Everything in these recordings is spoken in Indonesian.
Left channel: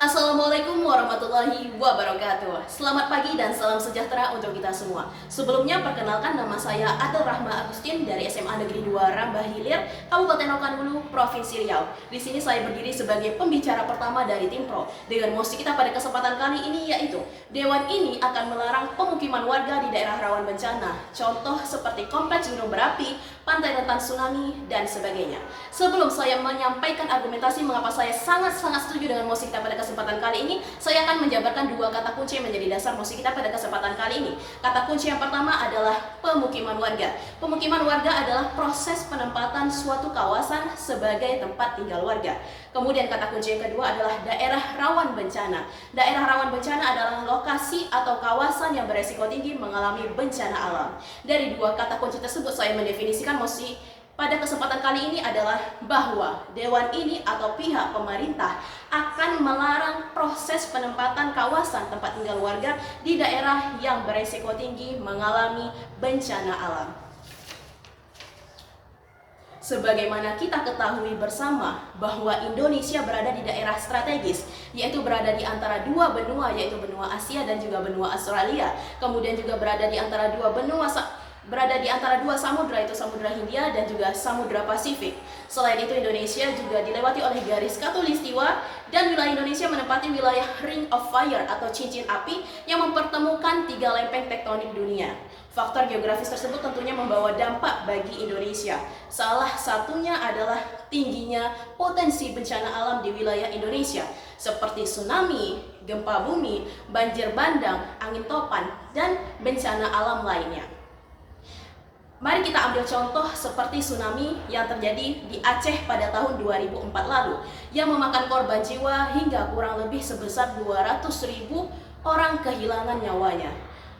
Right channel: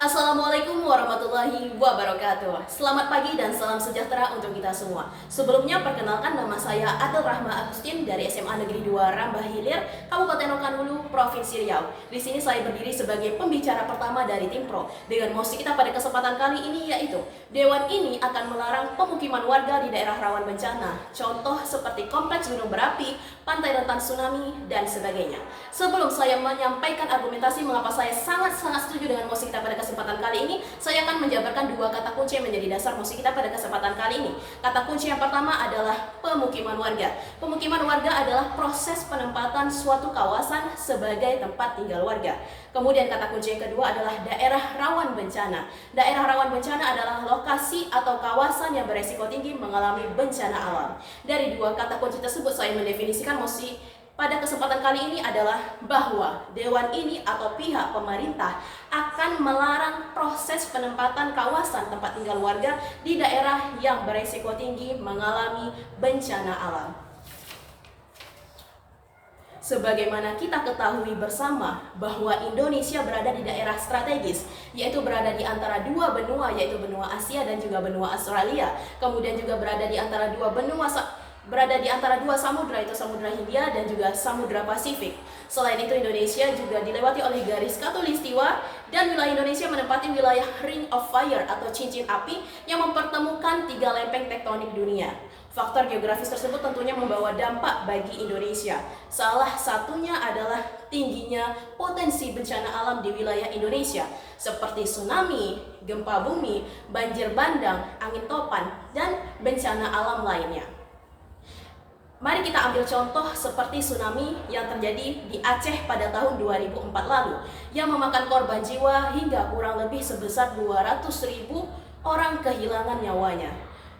Assalamualaikum warahmatullahi wabarakatuh. Selamat pagi dan salam sejahtera untuk kita semua. Sebelumnya perkenalkan, nama saya Adel Rahma Agustin dari SMA Negeri 2 Rambah Hilir, Kabupaten Rokan Hulu, Provinsi Riau. Di sini saya berdiri sebagai pembicara pertama dari tim Pro. Dengan mosi kita pada kesempatan kali ini yaitu Dewan ini akan melarang pemukiman warga di daerah rawan bencana. Contoh seperti kompleks gunung berapi, pantai rentan tsunami, dan sebagainya. Sebelum saya menyampaikan argumentasi mengapa saya sangat-sangat setuju dengan mosi kita pada kesempatan kali ini, saya akan menjabarkan dua kata kunci yang menjadi dasar mosi kita pada kesempatan kali ini. Kata kunci yang pertama adalah pemukiman warga. Pemukiman warga adalah proses penempatan suatu kawasan sebagai tempat tinggal warga. Kemudian kata kunci yang kedua adalah daerah rawan bencana. Daerah rawan bencana adalah lokasi atau kawasan yang beresiko tinggi mengalami bencana alam. Dari dua kata kunci tersebut saya mendefinisikan mosi pada kesempatan kali ini adalah bahwa Dewan ini atau pihak pemerintah akan melarang proses penempatan kawasan tempat tinggal warga di daerah yang beresiko tinggi mengalami bencana alam. Sebagaimana kita ketahui bersama bahwa Indonesia berada di daerah strategis, yaitu berada di antara dua benua, yaitu benua Asia dan juga benua Australia. Kemudian juga berada di antara dua samudra, yaitu Samudra Hindia dan juga Samudra Pasifik. Selain itu, Indonesia juga dilewati oleh garis khatulistiwa dan wilayah Indonesia menempati wilayah Ring of Fire atau cincin api yang mempertemukan tiga lempeng tektonik dunia. Faktor geografis tersebut tentunya membawa dampak bagi Indonesia. Salah satunya adalah tingginya potensi bencana alam di wilayah Indonesia seperti tsunami, gempa bumi, banjir bandang, angin topan, dan bencana alam lainnya. Mari kita ambil contoh seperti tsunami yang terjadi di Aceh pada tahun 2004 lalu yang memakan korban jiwa hingga kurang lebih sebesar 200.000 orang kehilangan nyawanya.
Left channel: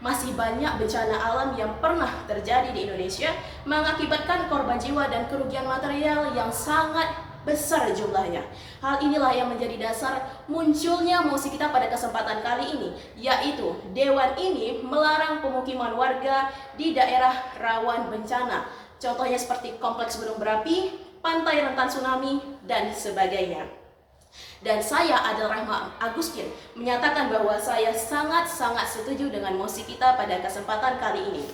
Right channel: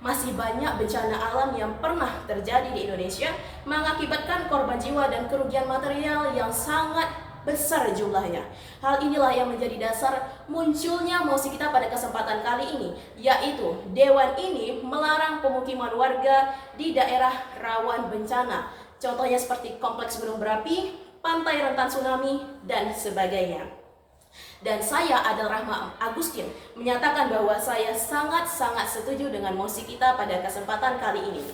Masih banyak bencana alam yang pernah terjadi di Indonesia mengakibatkan korban jiwa dan kerugian material yang sangat besar jumlahnya. Hal inilah yang menjadi dasar munculnya mosi kita pada kesempatan kali ini, yaitu Dewan ini melarang pemukiman warga di daerah rawan bencana. Contohnya seperti kompleks gunung berapi, pantai rentan tsunami, dan sebagainya. Dan saya Adel Rahma Agustin menyatakan bahwa saya sangat-sangat setuju dengan mosi kita pada kesempatan kali ini.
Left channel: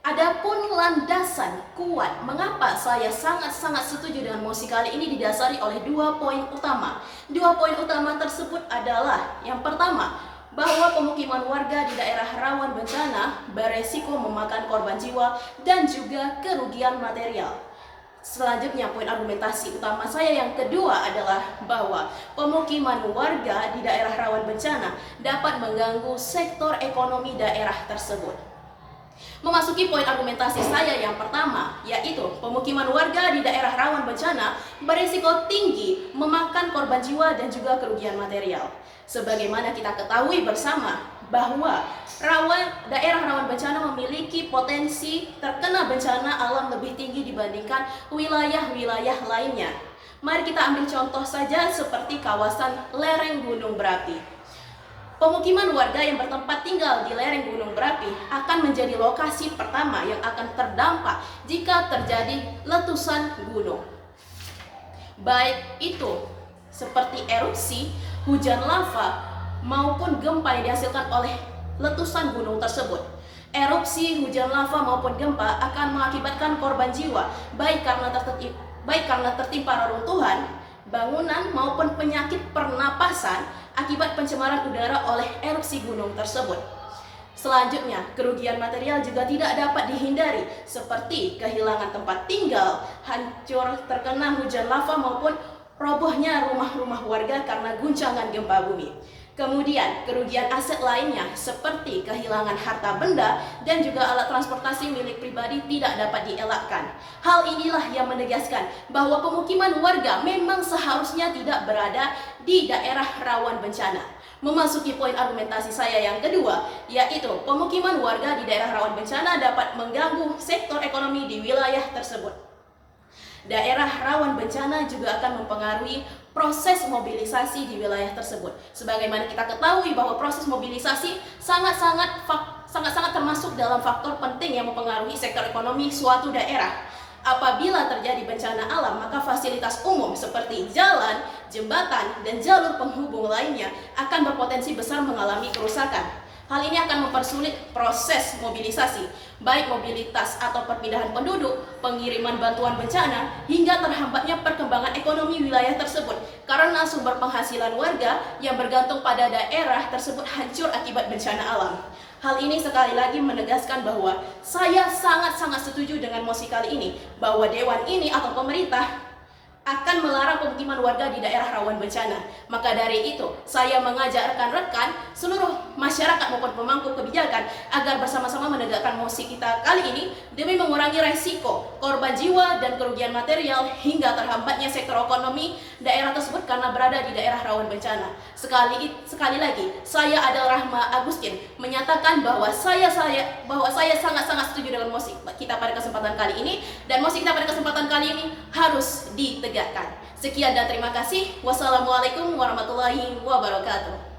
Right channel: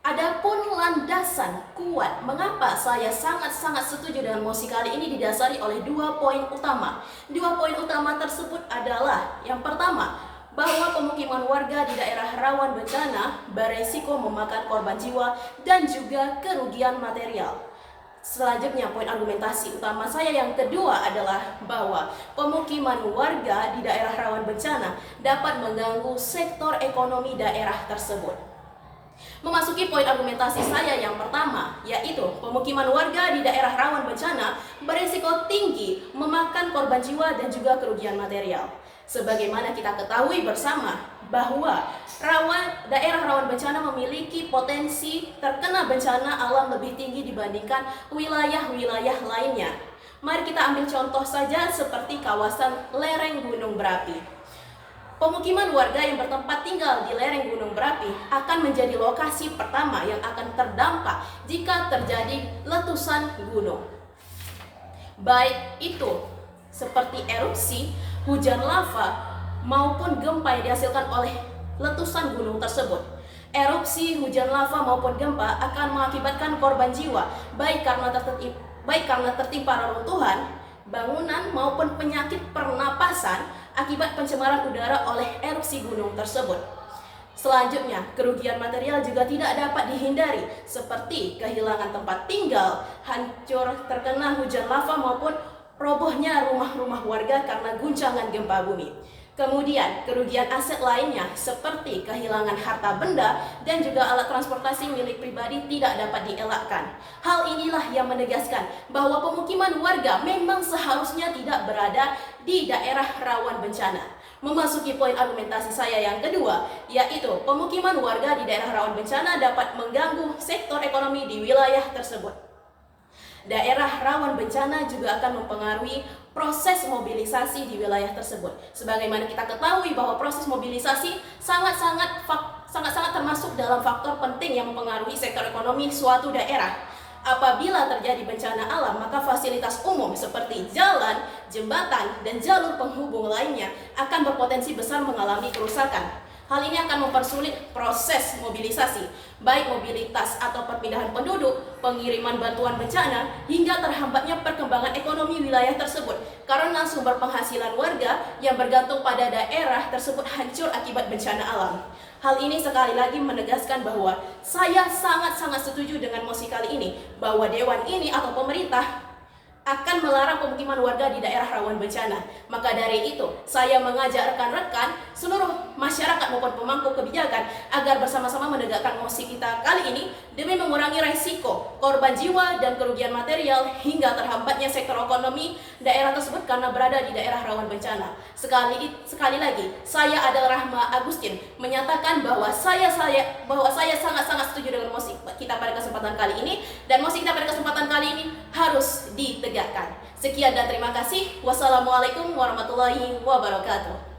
Adapun landasan kuat mengapa saya sangat-sangat setuju dengan mosi kali ini didasari oleh dua poin utama. Dua poin utama tersebut adalah yang pertama, bahwa pemukiman warga di daerah rawan bencana beresiko memakan korban jiwa dan juga kerugian material. Selanjutnya, poin argumentasi utama saya yang kedua adalah bahwa pemukiman warga di daerah rawan bencana dapat mengganggu sektor ekonomi daerah tersebut. Memasuki poin argumentasi saya yang pertama, yaitu pemukiman warga di daerah rawan bencana berisiko tinggi memakan korban jiwa dan juga kerugian material. Sebagaimana kita ketahui bersama bahwa daerah rawan bencana memiliki potensi terkena bencana alam lebih tinggi dibandingkan wilayah-wilayah lainnya. Mari kita ambil contoh saja seperti kawasan lereng gunung berapi. Pemukiman warga yang bertempat tinggal di lereng gunung berapi akan menjadi lokasi pertama yang akan terdampak jika terjadi letusan gunung. Baik itu seperti erupsi, hujan lava, maupun gempa yang dihasilkan oleh letusan gunung tersebut. Erupsi, hujan lava maupun gempa akan mengakibatkan korban jiwa, baik karena tertimpa reruntuhan, bangunan maupun penyakit pernapasan akibat pencemaran udara oleh erupsi gunung tersebut. Selanjutnya, kerugian material juga tidak dapat dihindari, seperti kehilangan tempat tinggal, hancur terkena hujan lava maupun robohnya rumah-rumah warga karena guncangan gempa bumi. Kemudian, kerugian aset lainnya seperti kehilangan harta benda dan juga alat transportasi milik pribadi tidak dapat dielakkan. Hal inilah yang menegaskan bahwa pemukiman warga memang seharusnya tidak berada di daerah rawan bencana. Memasuki poin argumentasi saya yang kedua, yaitu pemukiman warga di daerah rawan bencana dapat mengganggu sektor ekonomi di wilayah tersebut. Daerah rawan bencana juga akan mempengaruhi proses mobilisasi di wilayah tersebut. Sebagaimana kita ketahui bahwa proses mobilisasi sangat-sangat termasuk dalam faktor penting yang mempengaruhi sektor ekonomi suatu daerah. Apabila terjadi bencana alam, maka fasilitas umum seperti jalan, jembatan, dan jalur penghubung lainnya akan berpotensi besar mengalami kerusakan. Hal ini akan mempersulit proses mobilisasi, baik mobilitas atau perpindahan penduduk, pengiriman bantuan bencana, hingga terhambatnya perkembangan ekonomi wilayah tersebut karena sumber penghasilan warga yang bergantung pada daerah tersebut hancur akibat bencana alam. Hal ini sekali lagi menegaskan bahwa saya sangat-sangat setuju dengan mosi kali ini, bahwa dewan ini atau pemerintah akan melarang pemukiman warga di daerah rawan bencana. Maka dari itu, saya mengajak rekan-rekan seluruh masyarakat maupun pemangku kebijakan agar bersama-sama menegakkan mosi kita kali ini demi mengurangi resiko korban jiwa dan kerugian material hingga terhambatnya sektor ekonomi daerah tersebut karena berada di daerah rawan bencana. Sekali lagi, saya adalah Rahma Agustin menyatakan bahwa saya sangat-sangat setuju dengan mosi kita pada kesempatan kali ini, dan mosi kita pada kesempatan kali ini harus ditegakkan. Sekian dan terima kasih. Wassalamualaikum warahmatullahi wabarakatuh.